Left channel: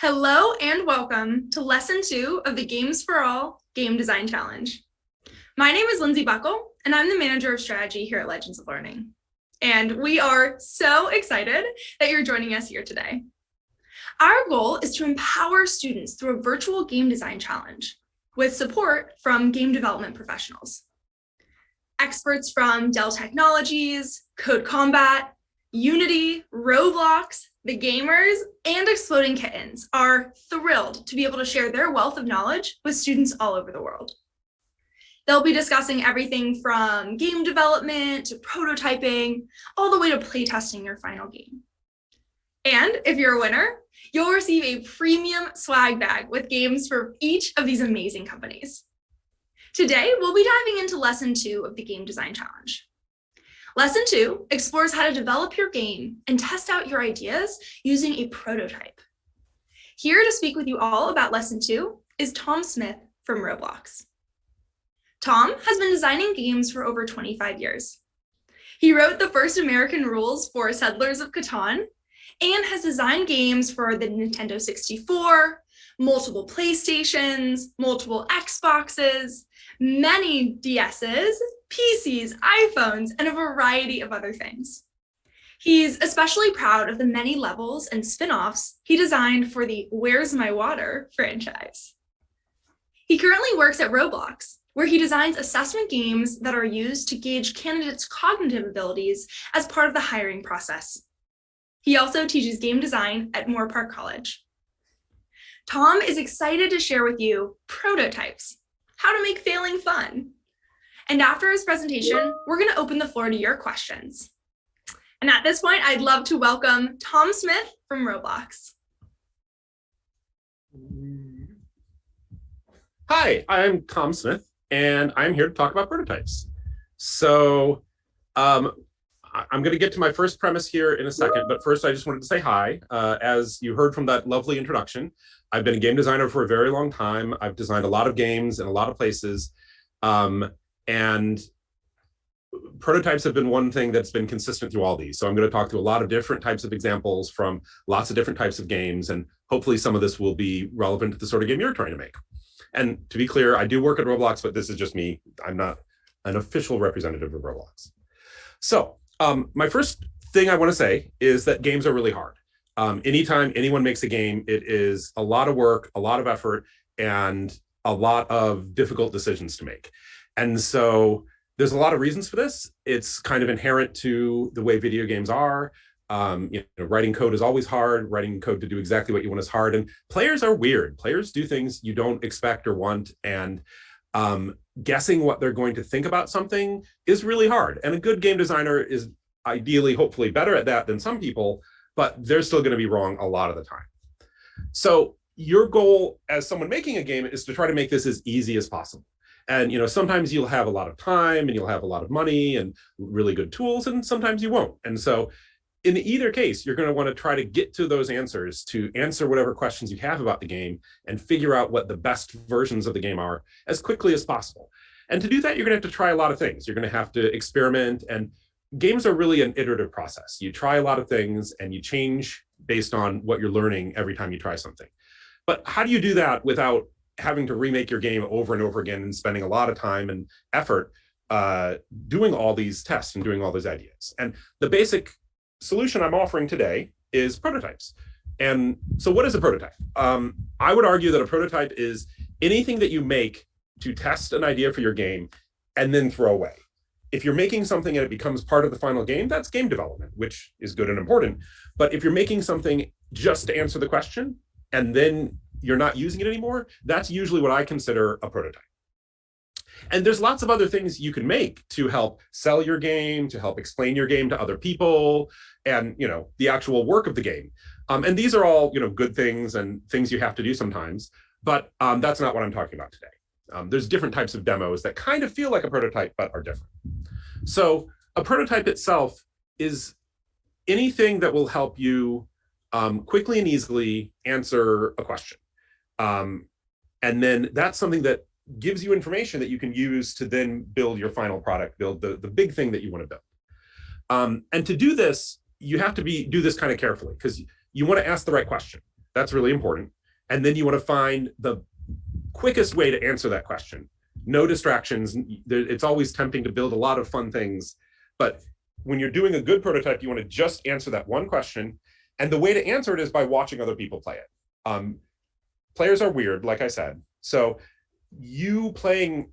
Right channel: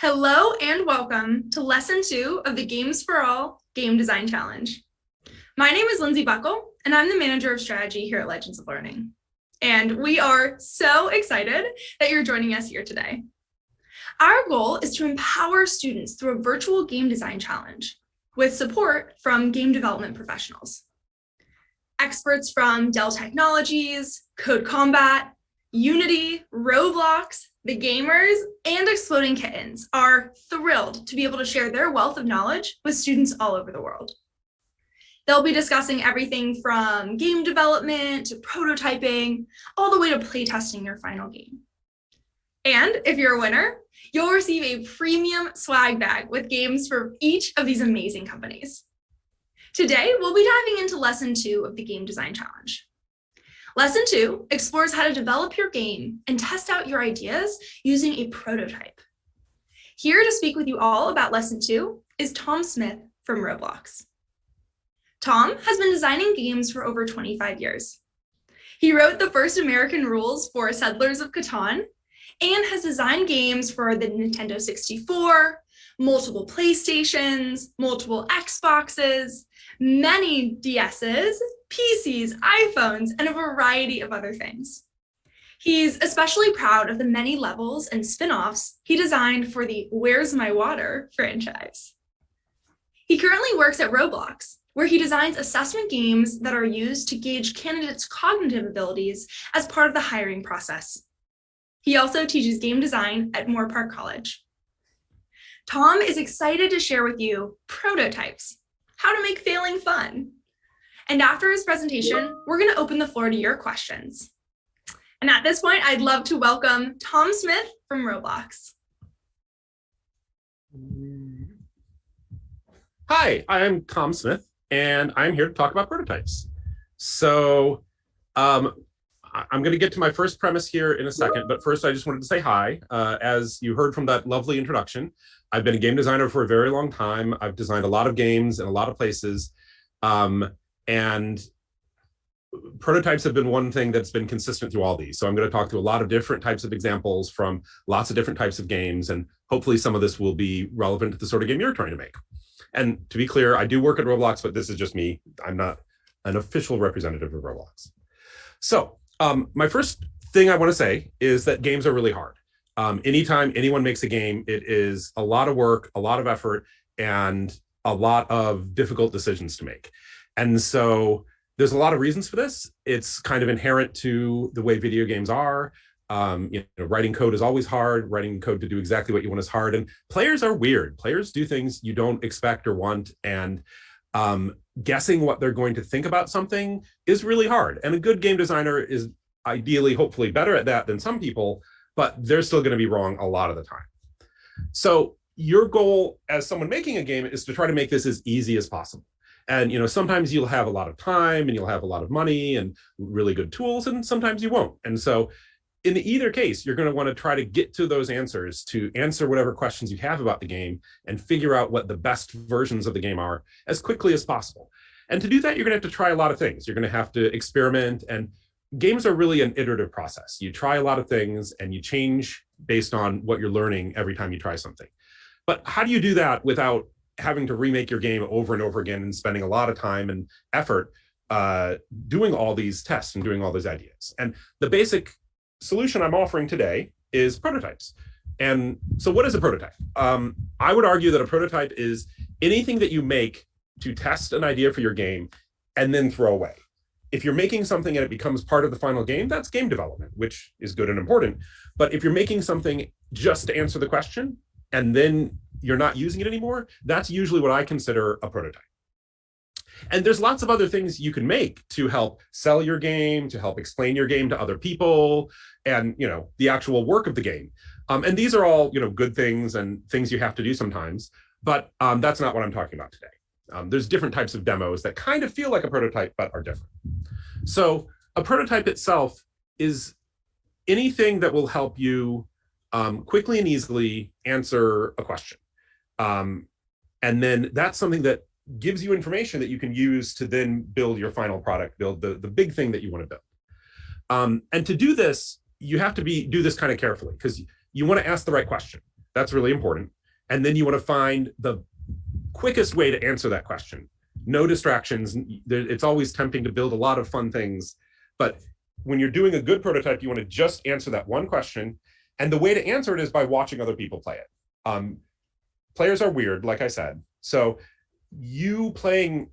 Hello and welcome to Lesson 2 of the Games for All Game Design Challenge. My name is Lindsay Buckle, and I'm the Manager of Strategy here at Legends of Learning. And we are so excited that you're joining us here today. Our goal is to empower students through a virtual game design challenge with support from game development professionals. Experts from Dell Technologies, Code Combat, Unity, Roblox, the gamers, and Exploding Kittens are thrilled to be able to share their wealth of knowledge with students all over the world. They'll be discussing everything from game development to prototyping, all the way to playtesting your final game. And if you're a winner, you'll receive a premium swag bag with games for each of these amazing companies. Today, we'll be diving into Lesson 2 of the Game Design Challenge. Lesson 2 explores how to develop your game and test out your ideas using a prototype. Here to speak with you all about Lesson 2 is Tom Smith from Roblox. Tom has been designing games for over 25 years. He wrote the first American rules for Settlers of Catan and has designed games for the Nintendo 64, multiple PlayStations, multiple Xboxes, many DSs, PCs, iPhones, and a variety of other things. He's especially proud of the many levels and spin-offs he designed for the Where's My Water franchise. He currently works at Roblox, where he designs assessment games that are used to gauge candidates' cognitive abilities as part of the hiring process. He also teaches game design at Moore Park College. Tom is excited to share with you prototypes, how to make failing fun. And after his presentation, we're going to open the floor to your questions. And at this point, I'd love to welcome Tom Smith from Roblox. Hi, I'm Tom Smith, and I'm here to talk about prototypes. So I'm going to get to my first premise here in a second, but first I just wanted to say hi. As you heard from that lovely introduction, I've been a game designer for a very long time. I've designed a lot of games in a lot of places. And prototypes have been one thing that's been consistent through all these. So I'm going to talk through a lot of different types of examples from lots of different types of games. And hopefully some of this will be relevant to the sort of game you're trying to make. And to be clear, I do work at Roblox, but this is just me. I'm not an official representative of Roblox. So my first thing I want to say is that games are really hard. Anytime anyone makes a game, it is a lot of work, a lot of effort, and a lot of difficult decisions to make. And so there's a lot of reasons for this. It's kind of inherent to the way video games are. Writing code is always hard. Writing code to do exactly what you want is hard. And players are weird. Players do things you don't expect or want. And guessing what they're going to think about something is really hard. And a good game designer is ideally, hopefully, better at that than some people, but they're still going to be wrong a lot of the time. So your goal as someone making a game is to try to make this as easy as possible. And sometimes you'll have a lot of time and you'll have a lot of money and really good tools, and sometimes you won't. And so in either case, you're going to want to try to get to those answers, to answer whatever questions you have about the game and figure out what the best versions of the game are as quickly as possible. And to do that, you're going to have to try a lot of things. You're going to have to experiment, and games are really an iterative process. You try a lot of things and you change based on what you're learning every time you try something. But how do you do that without having to remake your game over and over again and spending a lot of time and effort doing all these tests and doing all these ideas? And the basic solution I'm offering today is prototypes. And so what is a prototype? I would argue that a prototype is anything that you make to test an idea for your game and then throw away. If you're making something and it becomes part of the final game, that's game development, which is good and important. But if you're making something just to answer the question and then you're not using it anymore, that's usually what I consider a prototype. And there's lots of other things you can make to help sell your game, to help explain your game to other people, and the actual work of the game. And these are all good things and things you have to do sometimes, but that's not what I'm talking about today. There's different types of demos that kind of feel like a prototype but are different. So a prototype itself is anything that will help you quickly and easily answer a question. And then that's something that gives you information that you can use to then build your final product, build the big thing that you want to build. And to do this, you have to do this kind of carefully, because you want to ask the right question. That's really important. And then you want to find the quickest way to answer that question. No distractions. It's always tempting to build a lot of fun things, but when you're doing a good prototype, you want to just answer that one question. And the way to answer it is by watching other people play it. Players are weird, like I said. So you playing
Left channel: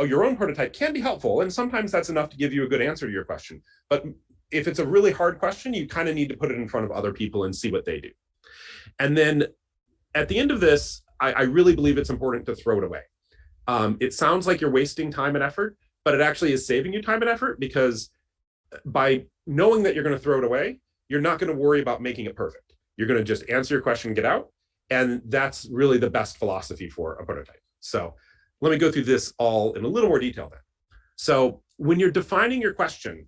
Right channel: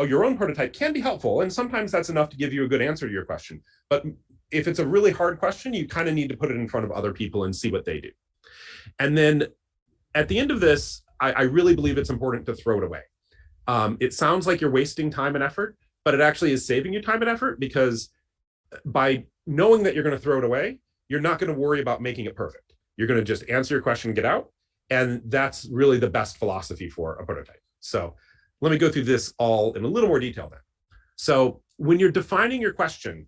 your own prototype can be helpful. And sometimes that's enough to give you a good answer to your question. But if it's a really hard question, you kind of need to put it in front of other people and see what they do. And then at the end of this, I really believe it's important to throw it away. It sounds like you're wasting time and effort, but it actually is saving you time and effort, because by knowing that you're going to throw it away, you're not going to worry about making it perfect. You're going to just answer your question and get out. And that's really the best philosophy for a prototype. So let me go through this all in a little more detail then. So when you're defining your question,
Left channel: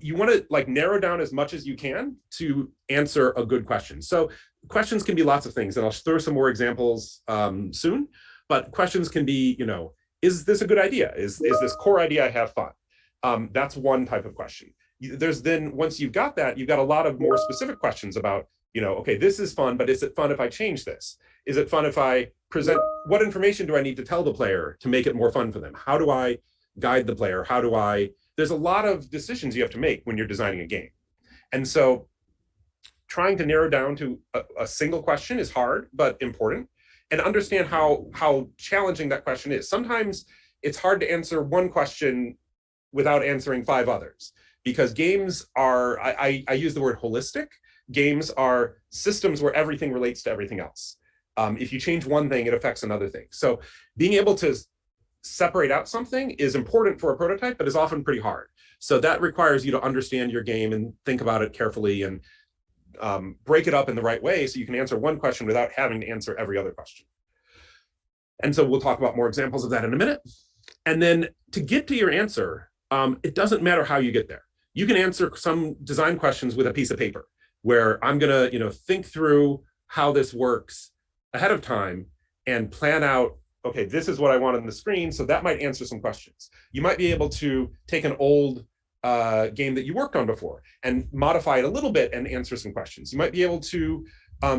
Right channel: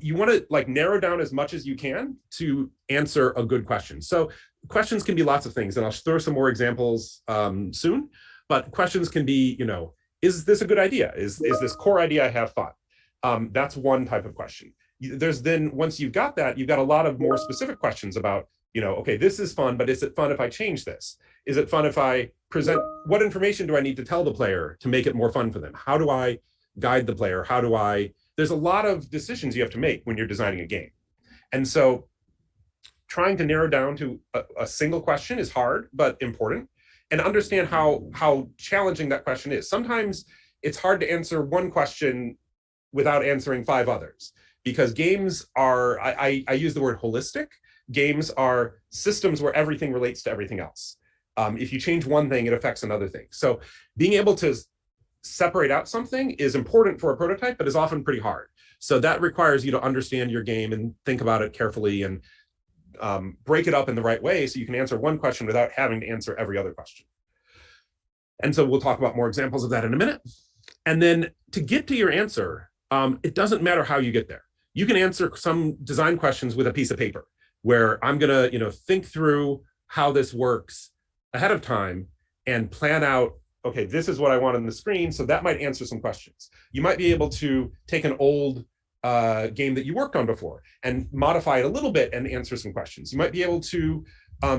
you want to like narrow down as much as you can to answer a good question. So questions can be lots of things, and I'll throw some more examples soon. But questions can be, is this a good idea? Is this core idea I have fun? That's one type of question. There's then, once you've got that, you've got a lot of more specific questions about, okay, this is fun, but is it fun if I change this? Is it fun if I present, what information do I need to tell the player to make it more fun for them? How do I guide the player? There's a lot of decisions you have to make when you're designing a game. And so trying to narrow down to a single question is hard, but important, and understand how challenging that question is. Sometimes it's hard to answer one question without answering 5 others, because games are, I use the word holistic. Games are systems where everything relates to everything else. If you change one thing, it affects another thing. So being able to separate out something is important for a prototype, but is often pretty hard. So that requires you to understand your game and think about it carefully and break it up in the right way so you can answer one question without having to answer every other question. And so we'll talk about more examples of that in a minute. And then to get to your answer, it doesn't matter how you get there. You can answer some design questions with a piece of paper where I'm gonna think through how this works ahead of time and plan out, okay, this is what I want on the screen. So that might answer some questions. You might be able to take an old game that you worked on before and modify it a little bit and answer some questions. You might be able to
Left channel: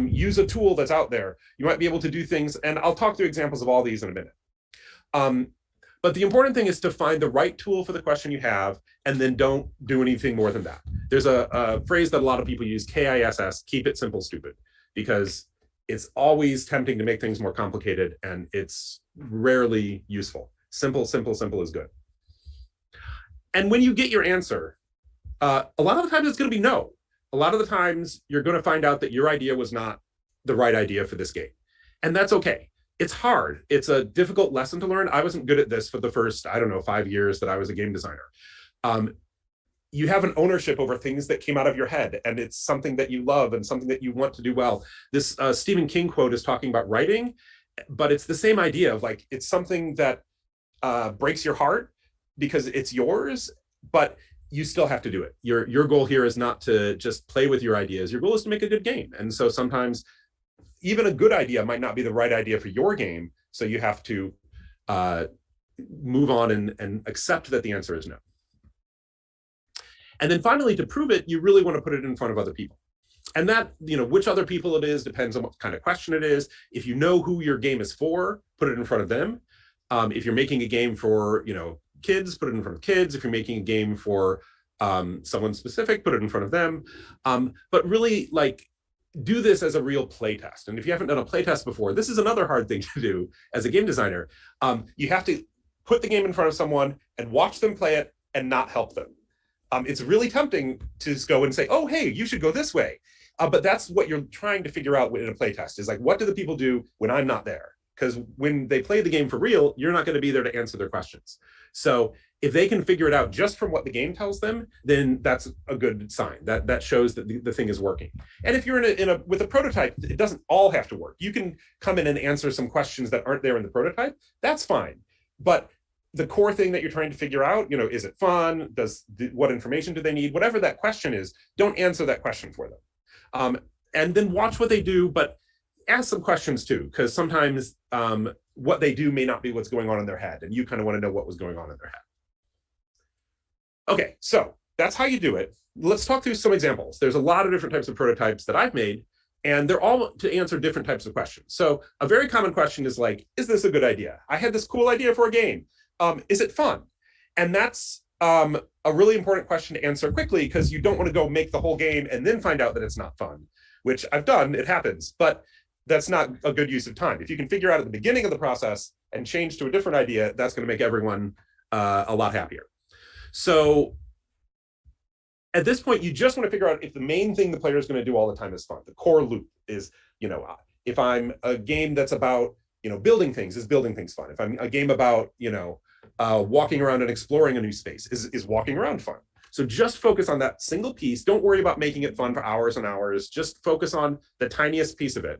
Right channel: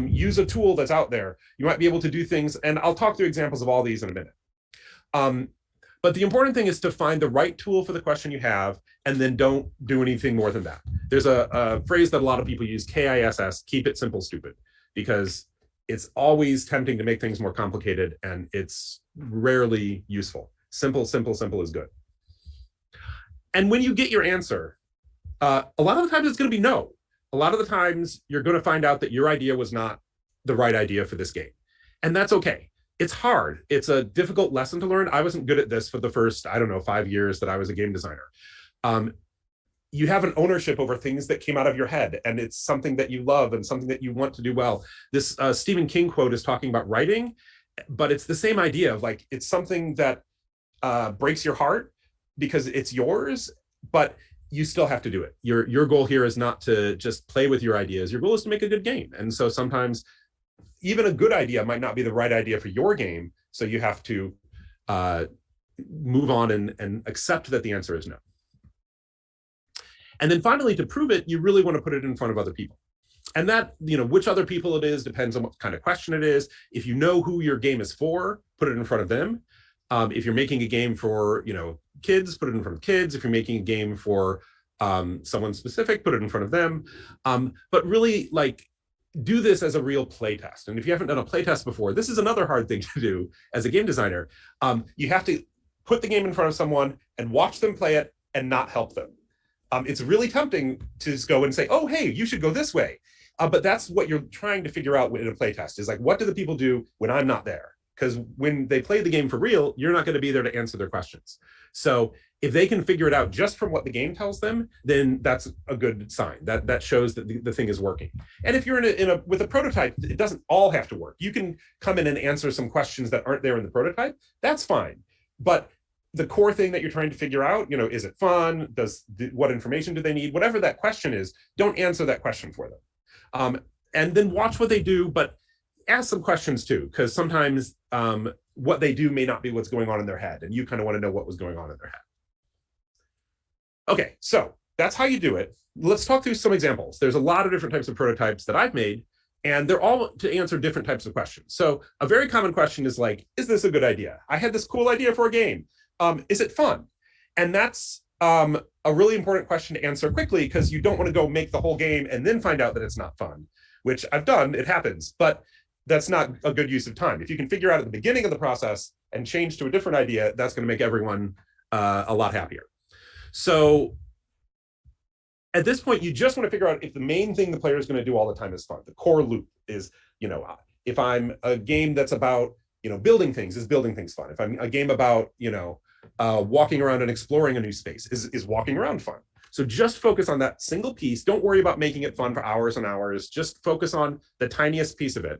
use a tool that's out there. You might be able to do things, and I'll talk through examples of all these in a minute. But the important thing is to find the right tool for the question you have, and then don't do anything more than that. There's a phrase that a lot of people use, KISS, keep it simple, stupid, because it's always tempting to make things more complicated, and it's rarely useful. Simple, simple, simple is good. And when you get your answer, a lot of the times it's going to be no. A lot of the times you're going to find out that your idea was not the right idea for this game. And that's okay. It's hard. It's a difficult lesson to learn. I wasn't good at this for the first, 5 years that I was a game designer. You have an ownership over things that came out of your head, and it's something that you love and something that you want to do well. This Stephen King quote is talking about writing, but it's the same idea of like, it's something that breaks your heart because it's yours, but you still have to do it. Your goal here is not to just play with your ideas. Your goal is to make a good game. And so sometimes even a good idea might not be the right idea for your game. So you have to move on and accept that the answer is no. And then finally, to prove it, you really want to put it in front of other people. And that, which other people it is depends on what kind of question it is. If you know who your game is for, put it in front of them. If you're making a game for, kids, put it in front of kids. If you're making a game for someone specific, put it in front of them. But really, do this as a real play test. And if you haven't done a play test before, this is another hard thing to do as a game designer. You have to put the game in front of someone and watch them play it and not help them. It's really tempting to just go and say, oh, hey, you should go this way. But that's what you're trying to figure out in a play test, is like, what do the people do when I'm not there? Because when they play the game for real, you're not going to be there to answer their questions. So if they can figure it out just from what the game tells them, then that's a good sign. That shows that the thing is working. And if you're with a prototype, it doesn't all have to work. You can come in and answer some questions that aren't there in the prototype. That's fine. But the core thing that you're trying to figure out, is it fun? What information do they need? Whatever that question is, don't answer that question for them. And then watch what they do, but ask some questions too, because sometimes what they do may not be what's going on in their head, and you kind of want to know what was going on in their head. Okay, so that's how you do it. Let's talk through some examples. There's a lot of different types of prototypes that I've made, And they're all to answer different types of questions. So a very common question is like, is this a good idea? I had this cool idea for a game. Is it fun? And that's a really important question to answer quickly, because you don't want to go make the whole game and then find out that it's not fun, which I've done, it happens, but that's not a good use of time. If you can figure out at the beginning of the process and change to a different idea, that's going to make everyone a lot happier. So at this point, you just want to figure out if the main thing the player is going to do all the time is fun. The core loop is, if I'm a game that's about, building things, is building things fun? If I'm a game about, walking around and exploring a new space, is walking around fun? So just focus on that single piece. Don't worry about making it fun for hours and hours. Just focus on the tiniest piece of it.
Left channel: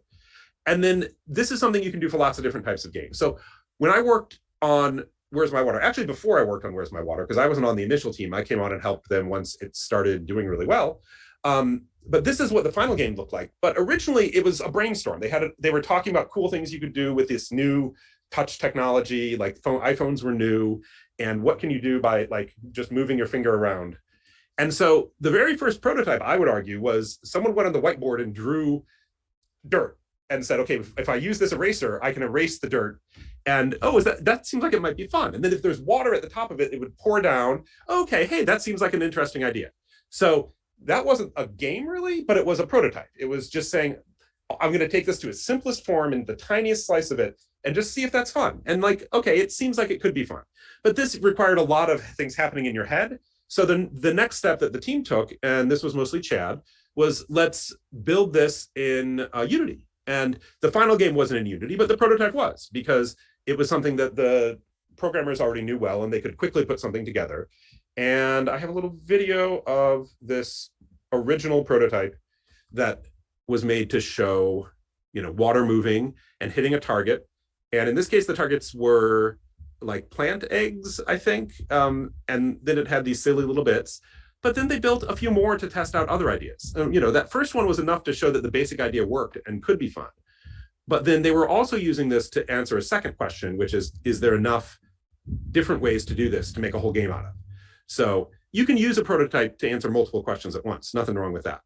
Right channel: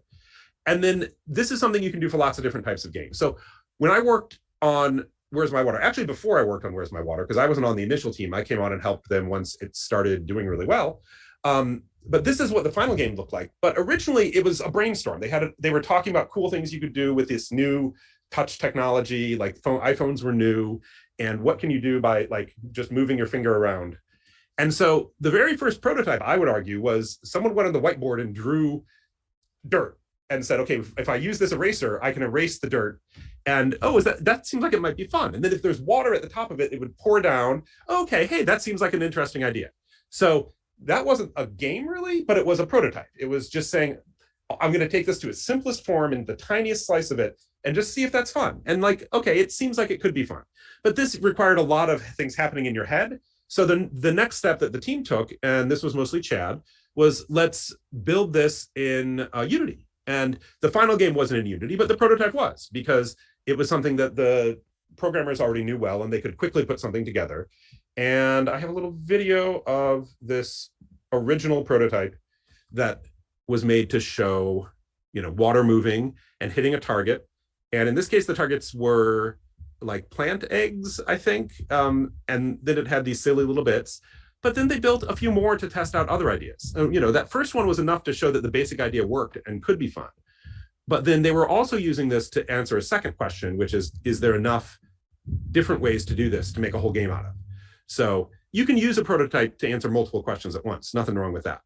And then this is something you can do for lots of different types of games. So when I worked on Where's My Water, actually before I worked on Where's My Water, because I wasn't on the initial team, I came on and helped them once it started doing really well. But this is what the final game looked like. But originally it was a brainstorm. They were talking about cool things you could do with this new touch technology, like iPhones were new, and what can you do by like just moving your finger around. And so the very first prototype, I would argue, was someone went on the whiteboard and drew dirt and said, okay, if I use this eraser, I can erase the dirt. And that seems like it might be fun. And then if there's water at the top of it, it would pour down. Okay, hey, that seems like an interesting idea. So that wasn't a game really, but it was a prototype. It was just saying, I'm going to take this to its simplest form and the tiniest slice of it and just see if that's fun. And like, okay, it seems like it could be fun. But this required a lot of things happening in your head. So then the next step that the team took, and this was mostly Chad, was let's build this in Unity. And the final game wasn't in Unity, but the prototype was, because it was something that the programmers already knew well, and they could quickly put something together. And I have a little video of this original prototype that was made to show, water moving and hitting a target. And in this case, the targets were like plant eggs, I think. And then it had these silly little bits. But then they built a few more to test out other ideas. That first one was enough to show that the basic idea worked and could be fun. But then they were also using this to answer a second question, which is there enough different ways to do this to make a whole game out of? So you can use a prototype to answer multiple questions at once. Nothing wrong with that.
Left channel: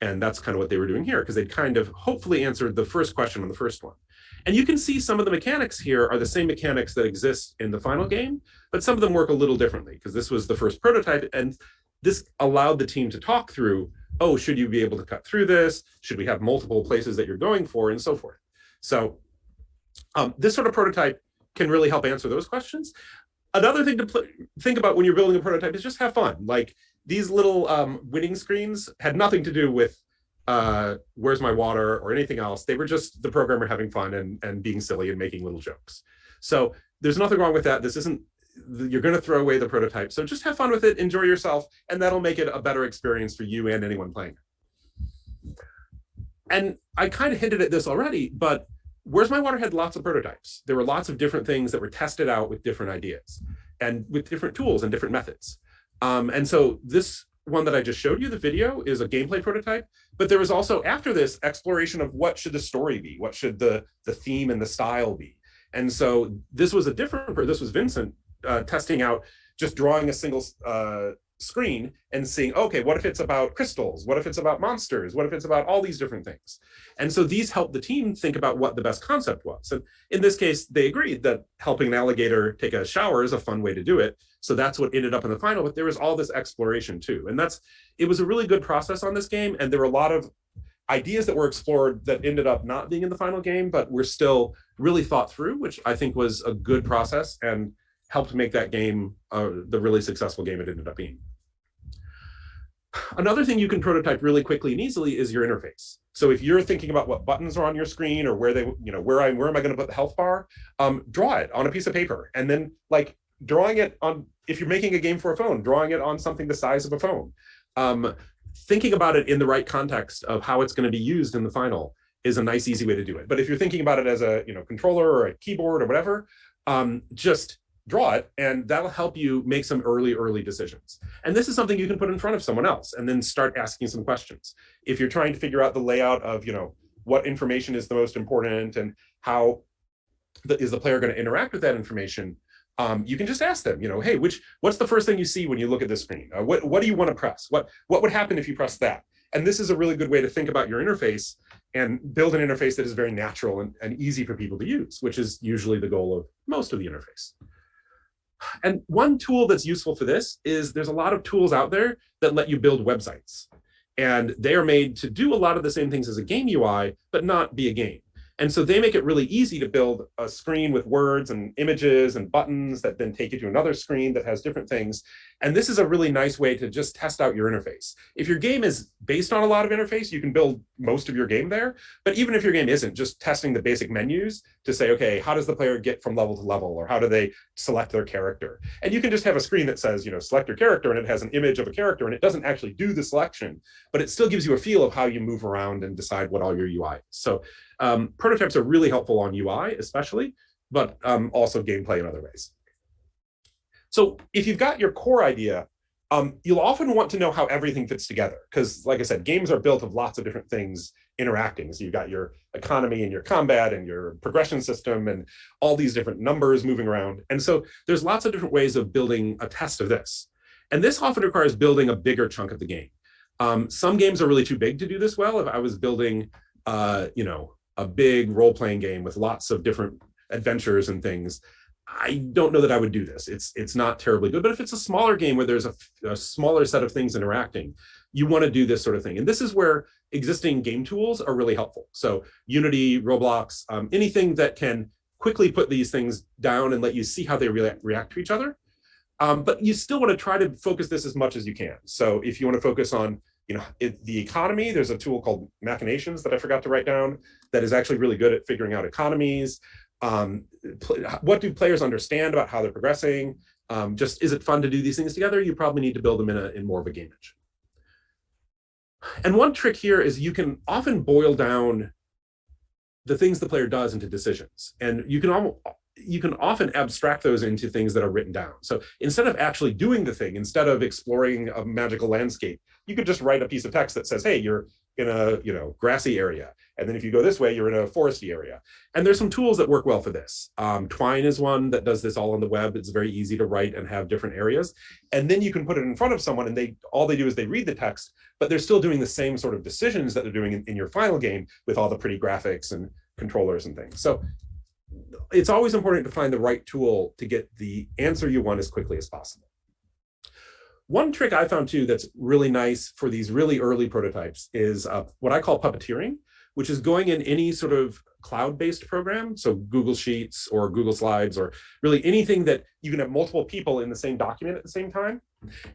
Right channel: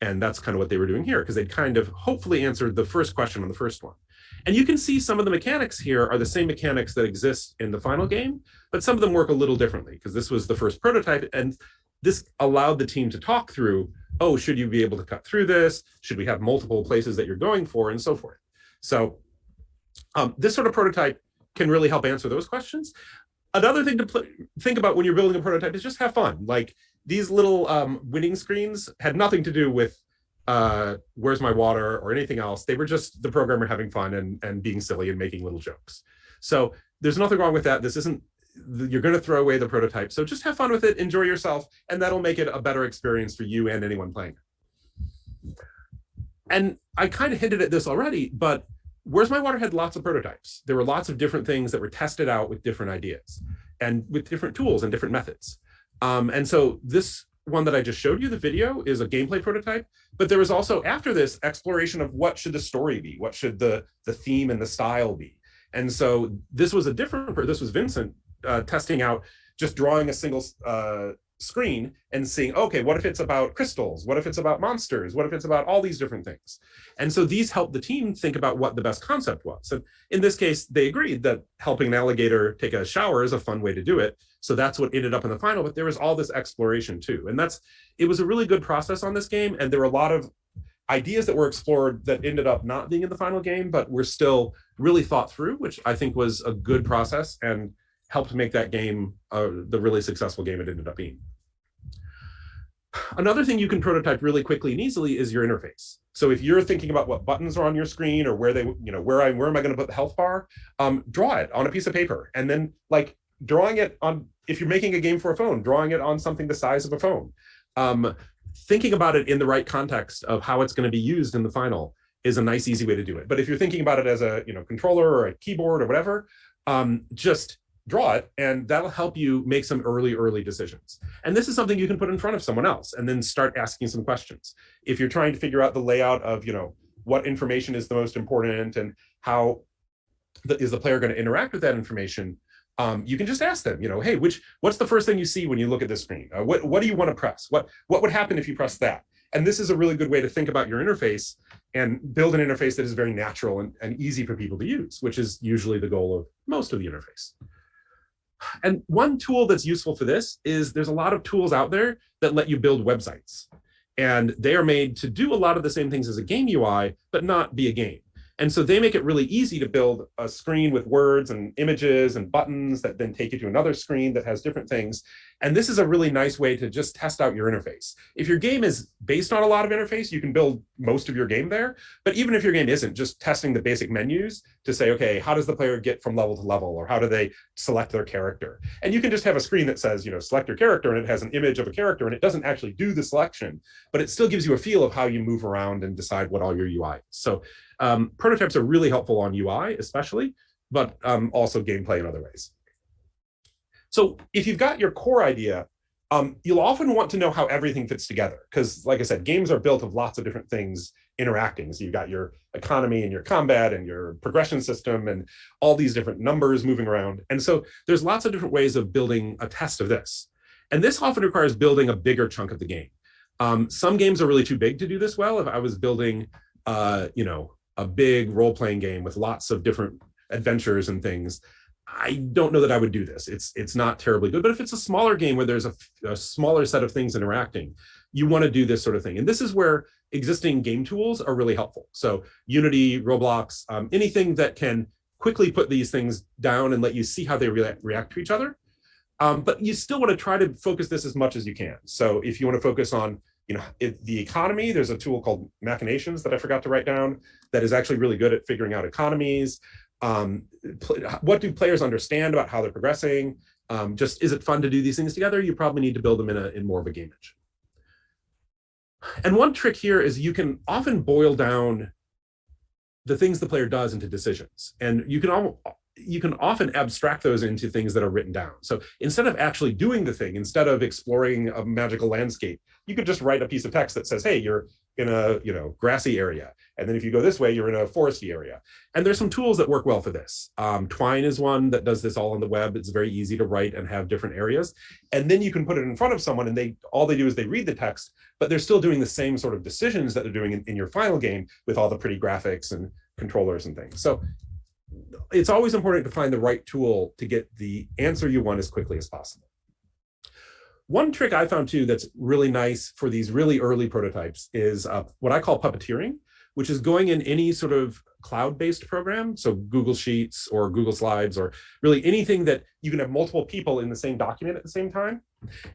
And that's kind of what they were doing here, because they kind of hopefully answered the first question on the first one. And you can see some of the mechanics here are the same mechanics that exist in the final game, but some of them work a little differently, because this was the first prototype. And this allowed the team to talk through, should you be able to cut through this? Should we have multiple places that you're going for, and so forth? So this sort of prototype can really help answer those questions. Another thing to think about when you're building a prototype is just have fun. Like these little winning screens had nothing to do with Where's My Water or anything else. They were just the programmer having fun and being silly and making little jokes. So there's nothing wrong with that. This isn't, you're going to throw away the prototype. So just have fun with it, enjoy yourself, and that'll make it a better experience for you and anyone playing it. And I kind of hinted at this already, but Where's My Water had lots of prototypes. There were lots of different things that were tested out with different ideas and with different tools and different methods. And so this one that I just showed you, the video, is a gameplay prototype, but there was also, after this, exploration of what should the story be? What should the theme and the style be? And so this was this was Vincent testing out, just drawing a single screen and seeing, okay, what if it's about crystals? What if it's about monsters? What if it's about all these different things? And so these helped the team think about what the best concept was. And in this case, they agreed that helping an alligator take a shower is a fun way to do it. So that's what ended up in the final, but there was all this exploration too. And it was a really good process on this game. And there were a lot of ideas that were explored that ended up not being in the final game, but were still really thought through, which I think was a good process and helped make that game the really successful game it ended up being. Another thing you can prototype really quickly and easily is your interface. So if you're thinking about what buttons are on your screen or where where am I going to put the health bar, draw it on a piece of paper, and then like drawing it on, if you're making a game for a phone, drawing it on something the size of a phone. Thinking about it in the right context of how it's going to be used in the final is a nice, easy way to do it. But if you're thinking about it as a controller or a keyboard or whatever, just draw it, and that'll help you make some early decisions. And this is something you can put in front of someone else and then start asking some questions. If you're trying to figure out the layout of, what information is the most important and how is the player going to interact with that information, you can just ask them, hey, what's the first thing you see when you look at this screen? What do you want to press? What would happen if you press that? And this is a really good way to think about your interface and build an interface that is very natural and easy for people to use, which is usually the goal of most of the interface. And one tool that's useful for this is there's a lot of tools out there that let you build websites. And they are made to do a lot of the same things as a game UI, but not be a game. And so they make it really easy to build a screen with words and images and buttons that then take you to another screen that has different things. And this is a really nice way to just test out your interface. If your game is based on a lot of interface, you can build most of your game there. But even if your game isn't, just testing the basic menus to say, okay, how does the player get from level to level? Or how do they select their character? And you can just have a screen that says, select your character, and it has an image of a character, and it doesn't actually do the selection, but it still gives you a feel of how you move around and decide what all your UI is. So prototypes are really helpful on UI, especially, but also gameplay in other ways. So if you've got your core idea, you'll often want to know how everything fits together, because like I said, games are built of lots of different things interacting. So you've got your economy and your combat and your progression system and all these different numbers moving around. And so there's lots of different ways of building a test of this. And this often requires building a bigger chunk of the game. Some games are really too big to do this well. If I was building, a big role-playing game with lots of different adventures and things, I don't know that I would do this. It's not terribly good. But if it's a smaller game where there's a smaller set of things interacting, you want to do this sort of thing. And this is where existing game tools are really helpful. So Unity, Roblox, anything that can quickly put these things down and let you see how they react to each other. But you still want to try to focus this as much as you can. So if you want to focus on the economy, there's a tool called Machinations that I forgot to write down that is actually really good at figuring out economies. What do players understand about how they're progressing? Just, is it fun to do these things together? You probably need to build them in more of a game engine. And one trick here is you can often boil down the things the player does into decisions. And you can often abstract those into things that are written down. So instead of actually doing the thing, instead of exploring a magical landscape, you could just write a piece of text that says, hey, you're in a grassy area. And then if you go this way, you're in a foresty area. And there's some tools that work well for this. Twine is one that does this all on the web. It's very easy to write and have different areas. And then you can put it in front of someone and all they do is they read the text, but they're still doing the same sort of decisions that they're doing in your final game with all the pretty graphics and controllers and things. So it's always important to find the right tool to get the answer you want as quickly as possible. One trick I found too that's really nice for these really early prototypes is what I call puppeteering, which is going in any sort of cloud-based program, so Google Sheets or Google Slides, or really anything that you can have multiple people in the same document at the same time,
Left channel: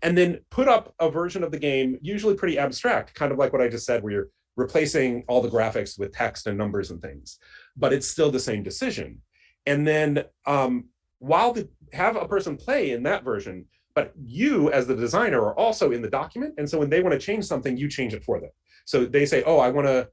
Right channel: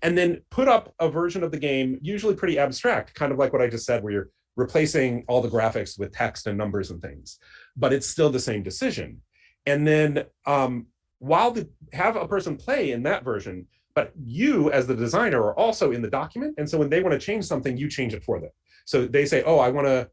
and then put up a version of the game, usually pretty abstract, kind of like what I just said, where you're replacing all the graphics with text and numbers and things, but it's still the same decision. And then have a person play in that version, but you as the designer are also in the document. And so when they want to change something, you change it for them. So they say, oh, I want to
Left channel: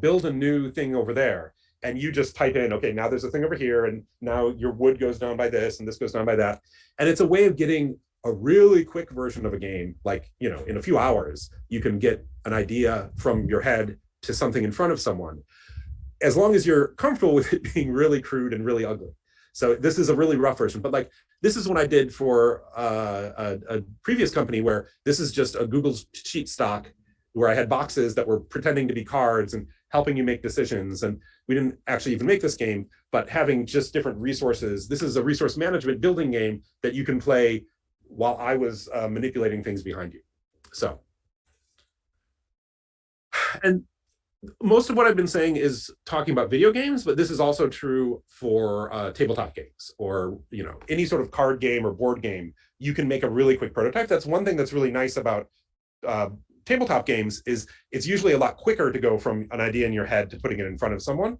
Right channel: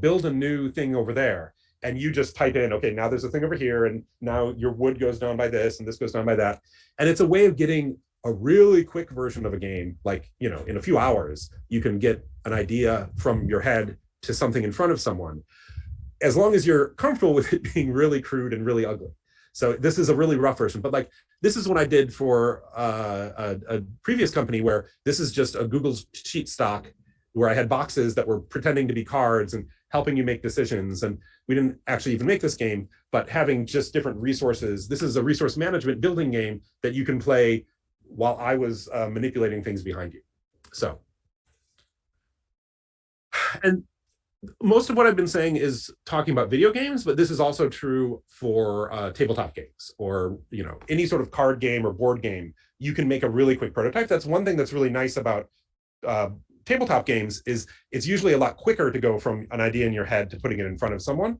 build a new thing over there. And you just type in, okay, now there's a thing over here. And now your wood goes down by this and this goes down by that. And it's a way of getting a really quick version of a game. Like, in a few hours, you can get an idea from your head to something in front of someone, as long as you're comfortable with it being really crude and really ugly. So this is a really rough version, but this is what I did for a previous company where this is just a Google Sheet stock where I had boxes that were pretending to be cards and helping you make decisions. And we didn't actually even make this game, but having just different resources. This is a resource management building game that you can play while I was manipulating things behind you. So, and most of what I've been saying is talking about video games, but this is also true for tabletop games or any sort of card game or board game. You can make a really quick prototype. That's one thing that's really nice about tabletop games is it's usually a lot quicker to go from an idea in your head to putting it in front of someone.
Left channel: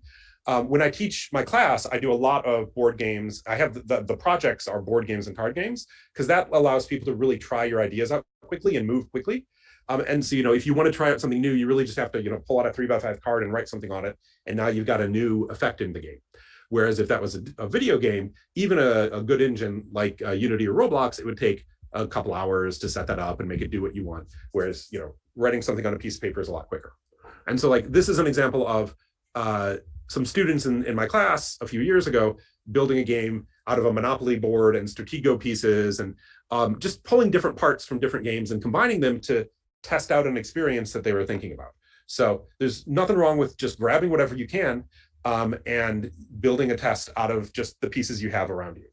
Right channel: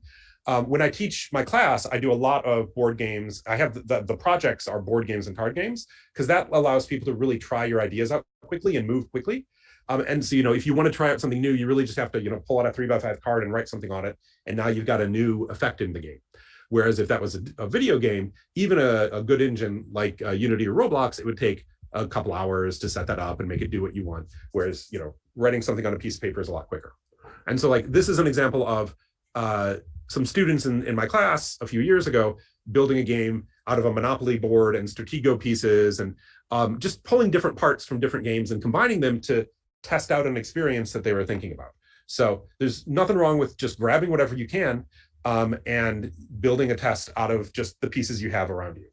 When I teach my class, I do a lot of board games. I have the projects are board games and card games because that allows people to really try your ideas out quickly and move quickly. And so, if you want to try out something new, you really just have to, pull out a 3x5 card and write something on it. And now you've got a new effect in the game. Whereas if that was a video game, even a good engine like Unity or Roblox, it would take a couple hours to set that up and make it do what you want. Whereas, writing something on a piece of paper is a lot quicker. And so this is an example of some students in my class a few years ago building a game out of a Monopoly board and Stratego pieces and just pulling different parts from different games and combining them to test out an experience that they were thinking about. So there's nothing wrong with just grabbing whatever you can and building a test out of just the pieces you have around you.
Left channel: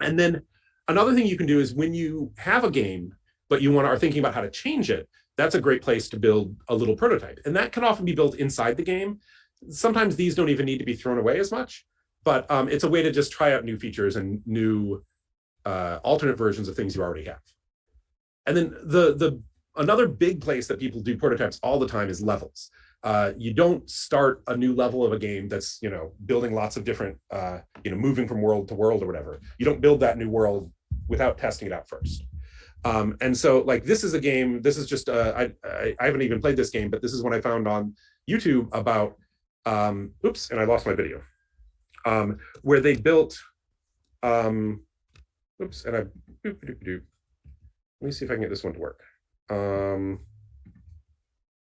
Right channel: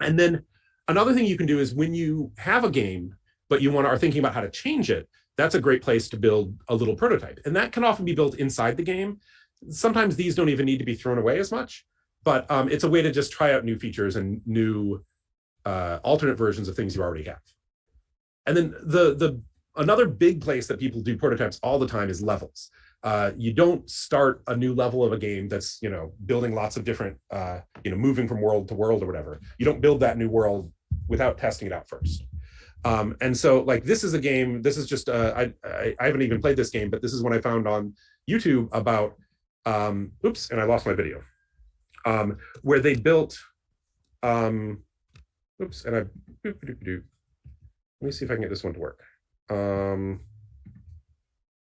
And then another thing you can do is when you have a game, but you are thinking about how to change it, that's a great place to build a little prototype. And that can often be built inside the game. Sometimes these don't even need to be thrown away as much, but it's a way to just try out new features and new alternate versions of things you already have. And then another big place that people do prototypes all the time is levels. You don't start a new level of a game that's, building lots of different, moving from world to world or whatever. You don't build that new world without testing it out first. And so like, this is a game, this is just, I haven't even played this game, but this is one I found on YouTube about, oops, and I lost my video, where they built, oops, and let me see if I can get this one to work.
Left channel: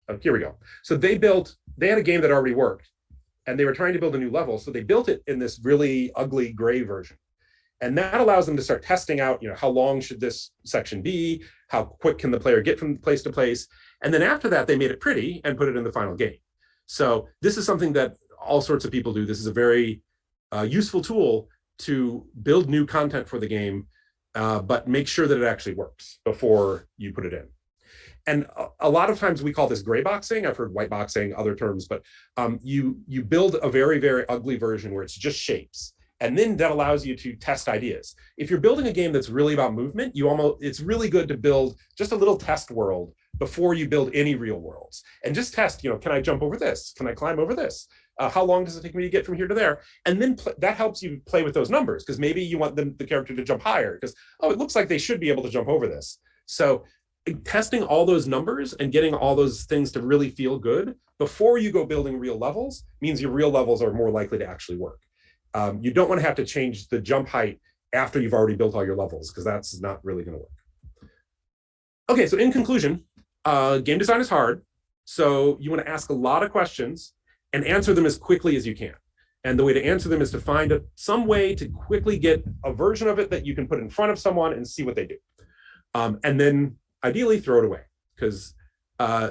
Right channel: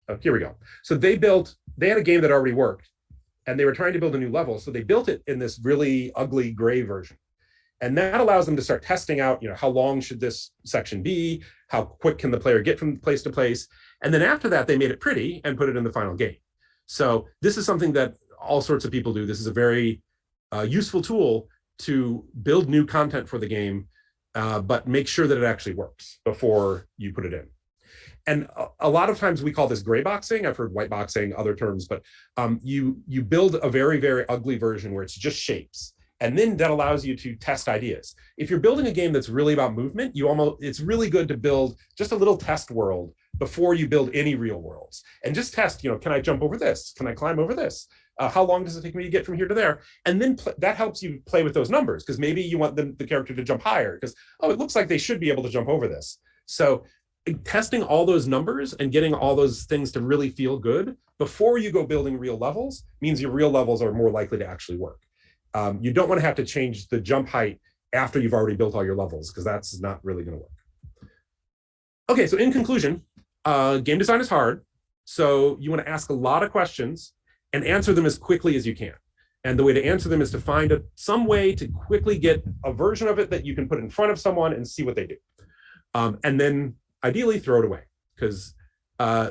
Oh, here we go. So they had a game that already worked and they were trying to build a new level. So they built it in this really ugly gray version. And that allows them to start testing out, how long should this section be? How quick can the player get from place to place? And then after that, they made it pretty and put it in the final game. So this is something that all sorts of people do. This is a very useful tool to build new content for the game, but make sure that it actually works before you put it in. And a lot of times we call this gray boxing. I've heard white boxing, other terms, but you build a very, very ugly version where it's just shapes. And then that allows you to test ideas. If you're building a game that's really about movement, it's really good to build just a little test world before you build any real worlds. And just test, can I jump over this? Can I climb over this? How long does it take me to get from here to there? And then that helps you play with those numbers, because maybe you want the character to jump higher because, oh, it looks like they should be able to jump over this. So testing all those numbers and getting all those things to really feel good before you go building real levels means your real levels are more likely to actually work. You don't want to have to change the jump height after you've already built all your levels, because that's not really going to work. Okay, so in conclusion, game design is hard. So you want to ask a lot of questions and answer them as quickly as you can. And the way to answer them is to find some way to quickly get a version of it that you can put in front of someone and see what they do. And then ideally throw it away, because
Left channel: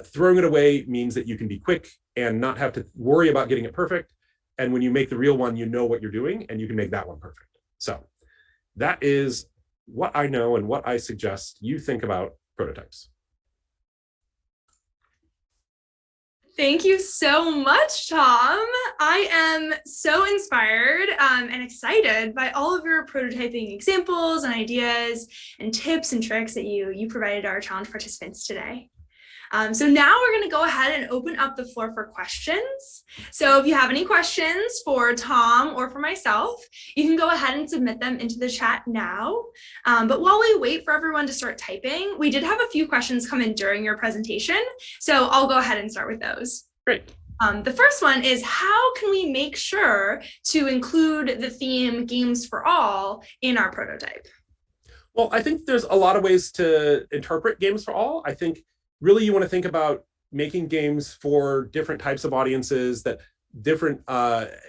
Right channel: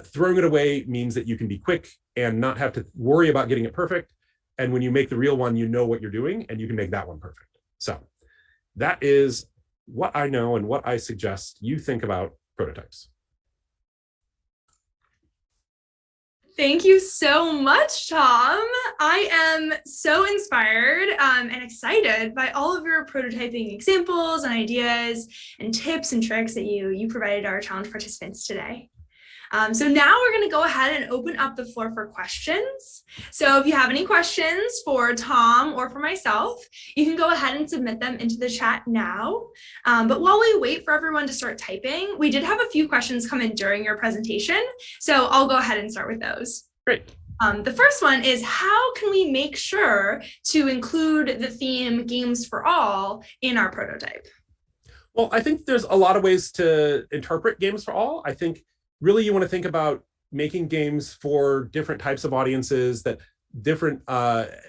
throwing it away means that you can be quick and not have to worry about getting it perfect. And when you make the real one, you know what you're doing and you can make that one perfect. So that is what I know and what I suggest you think about prototypes. Thank you so much, Tom. I am so inspired and excited by all of your prototyping examples and ideas and tips and tricks that you provided our challenge participants today. So now we're going to go ahead and open up the floor for questions. So if you have any questions for Tom or for myself, you can go ahead and submit them into the chat now. But while we wait for everyone to start typing, we did have a few questions come in during your presentation. So I'll go ahead and start with those. Great. The first one is, how can we make sure to include the theme Games for All in our prototype? Well, I think there's a lot of ways to interpret Games for All. I think really you want to think about making games for different types of audiences that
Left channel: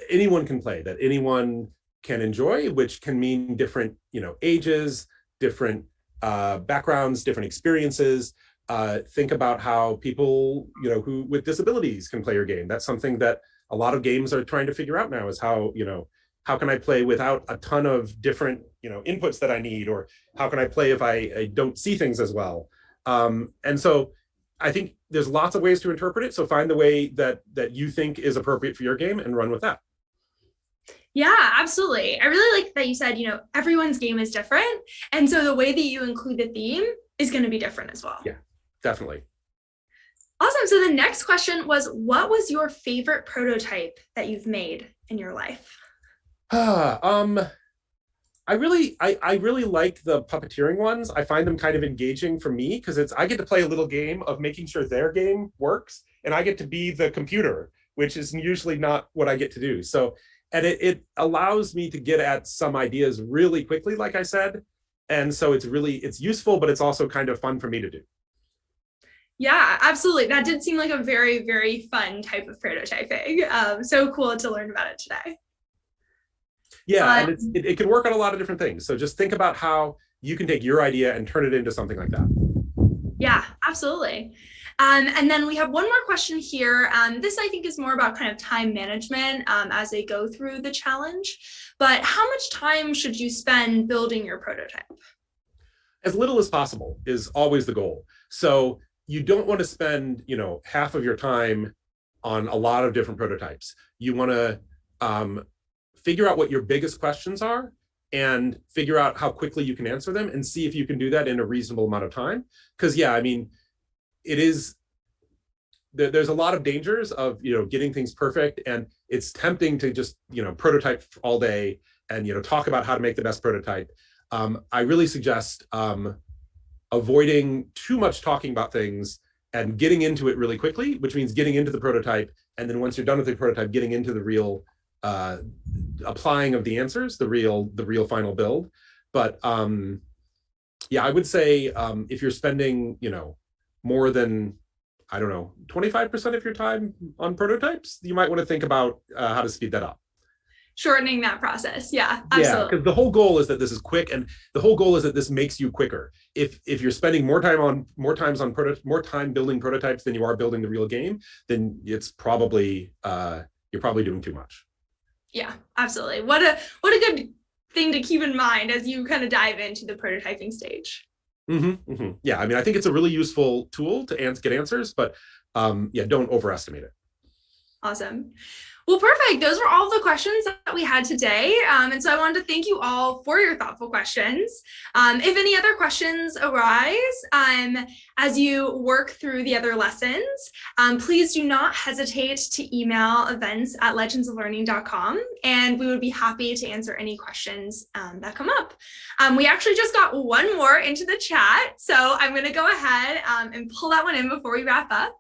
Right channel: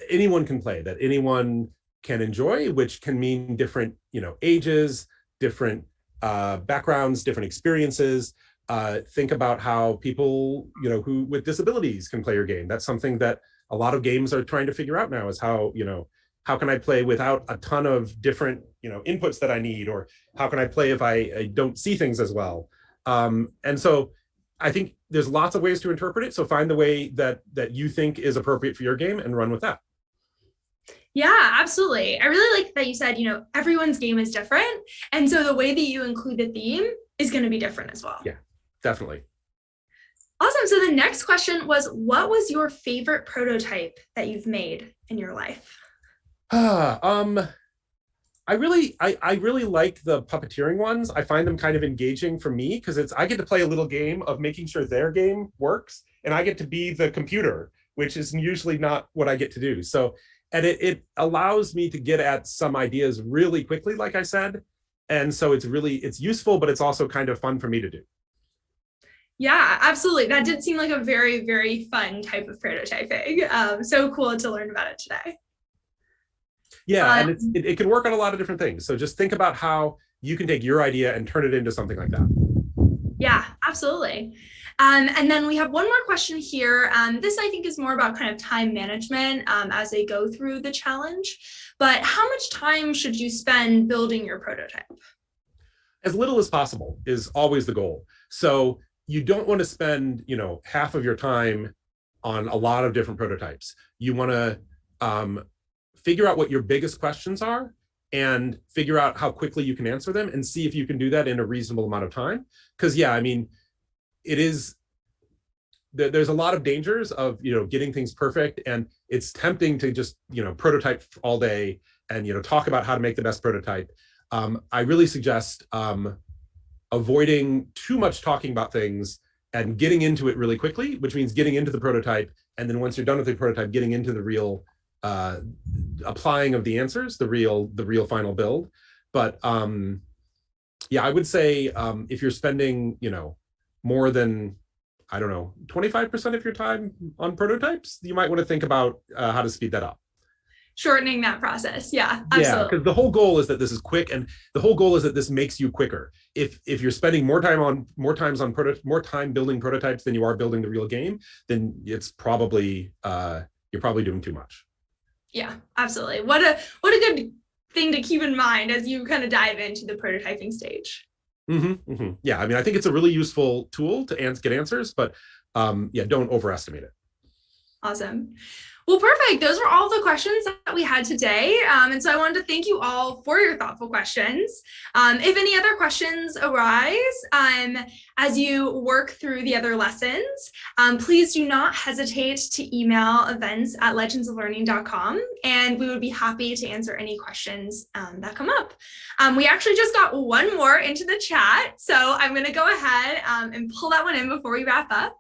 anyone can play, that anyone can enjoy, which can mean different, ages, different backgrounds, different experiences. Think about how people, who with disabilities can play your game. That's something that a lot of games are trying to figure out now, is how can I play without a ton of different, inputs that I need, or how can I play if I don't see things as well? And so I think there's lots of ways to interpret it. So find the way that you think is appropriate for your game and run with that. Yeah, absolutely. I really like that you said, everyone's game is different. And so the way that you include the theme is going to be different as well. Yeah, definitely. Awesome. So the next question was, what was your favorite prototype that you've made in your life? I really like the puppeteering ones. I find them kind of engaging for me, because I get to play a little game of making sure their game works, and I get to be the computer, which is usually not what I get to do. So, and it allows me to get at some ideas really quickly, like I said. And so it's useful, but it's also kind of fun for me to do. Yeah, absolutely. That did seem like a very, very fun type of prototyping. So cool to learn about it today. Yeah, and it can work on a lot of different things. So just think about how you can take your idea and turn it into something like that. Yeah, absolutely. And then we have one more question here. This I think is more about kind of time management as they go through the challenge. But how much time should you spend building your prototype? As little as possible is always the goal. So you don't want to spend, half of your time on a lot of different prototypes. You want to figure out what your biggest questions are and figure out how quickly you can answer them and see if you can do that in a reasonable amount of time. Because yeah, I mean, it is there's a lot of dangers of getting things perfect, and it's tempting to just prototype all day and talk about how to make the best prototype. I really suggest avoiding too much talking about things and getting into it really quickly, which means getting into the prototype, and then once you're done with the prototype, getting into the real applying of the answers, the real final build. But yeah, I would say if you're spending more than, I don't know, 25% of your time on prototypes, you might want to think about how to speed that up. Shortening that process. Yeah, Yeah, absolutely. because the whole goal is that this is quick, and the whole goal is that this makes you quicker. If you're spending more time building prototypes than you are building the real game, then it's probably you're probably doing too much. Yeah, absolutely. What a good thing to keep in mind as you kind of dive into the prototyping stage. Yeah, I mean, I think it's a really useful tool to get answers, but yeah, don't overestimate it. Awesome. Well, perfect. Those were all the questions that we had today. And so I wanted to thank you all for your thoughtful questions. If any other questions arise as you work through the other lessons, please do not hesitate to email events@legendsoflearning.com, and we would be happy to answer any questions that come up. We actually just got one more into the chat, so I'm going to go ahead and pull that one in before we wrap up.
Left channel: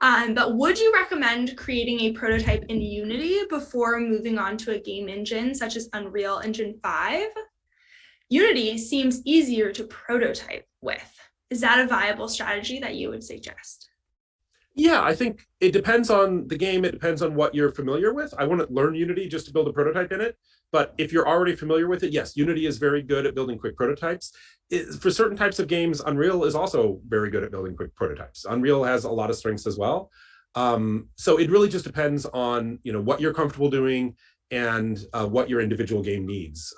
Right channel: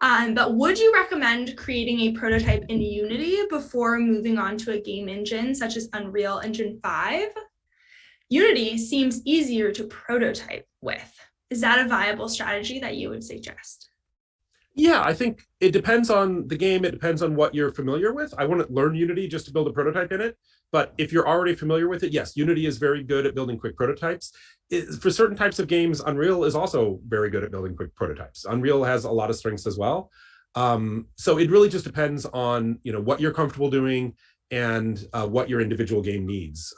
But would you recommend creating a prototype in Unity before moving on to a game engine such as Unreal Engine 5? Unity seems easier to prototype with. Is that a viable strategy that you would suggest? Yeah, I think it depends on the game. It depends on what you're familiar with. I want to learn Unity just to build a prototype in it. But if you're already familiar with it, yes, Unity is very good at building quick prototypes. For certain types of games, Unreal is also very good at building quick prototypes. Unreal has a lot of strengths as well. So it really just depends on what you're comfortable doing and what your individual game needs.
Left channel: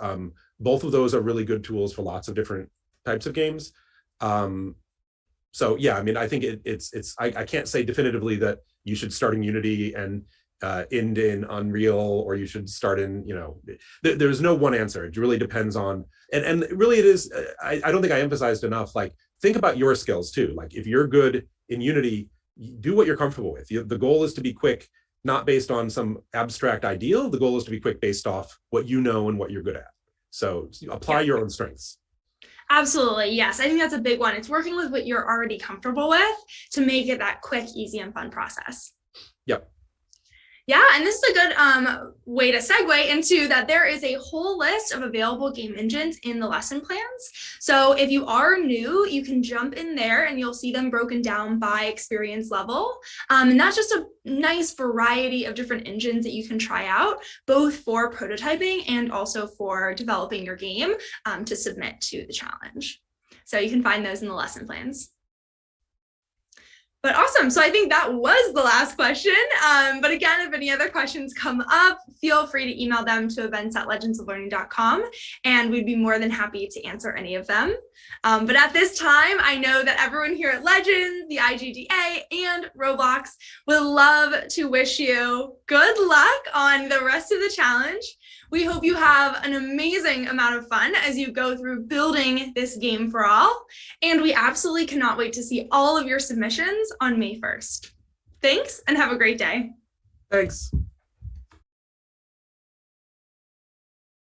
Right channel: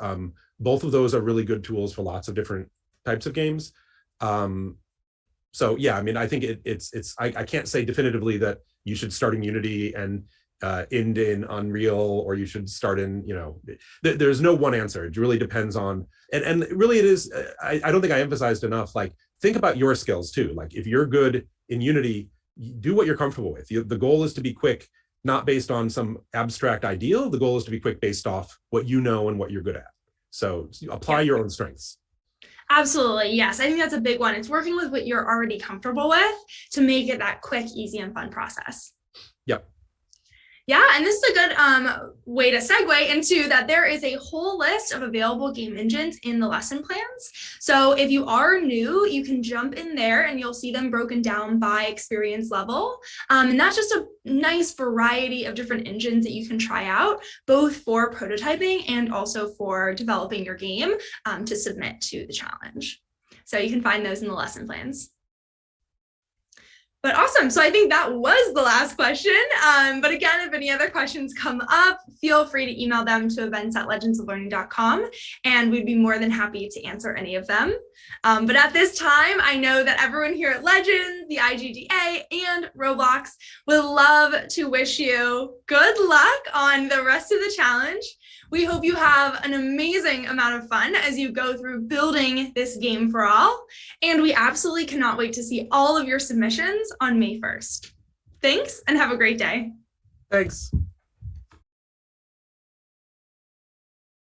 Both of those are really good tools for lots of different types of games. So yeah, I mean, I think I can't say definitively that you should start in Unity and end in Unreal, or you should start in, there's no one answer. It really depends on, and really it is, I don't think I emphasized enough, like, think about your skills too. Like, if you're good in Unity, do what you're comfortable with. The goal is to be quick, not based on some abstract ideal. The goal is to be quick based off what you know and what you're good at. So apply your own strengths. Absolutely. Yes. I think that's a big one. It's working with what you're already comfortable with to make it that quick, easy, and fun process. Yep. Yeah, and this is a good way to segue into that there is a whole list of available game engines in the lesson plans. So if you are new, you can jump in there and you'll see them broken down by experience level. And that's just a nice variety of different engines that you can try out, both for prototyping and also for developing your game to submit to the challenge. So you can find those in the lesson plans. But awesome. So I think that was the last question. But again, if any other questions come up, feel free to email them to events@legendsoflearning.com, and we'd be more than happy to answer any of them. But at this time, I know that everyone here at Legends, the IGDA, and Roblox would love to wish you good luck on the rest of the challenge. We hope you have an amazing amount of fun as you go through building this game for all. And we absolutely cannot wait to see all of your submissions on May 1st. Thanks, and have a great day. Thanks.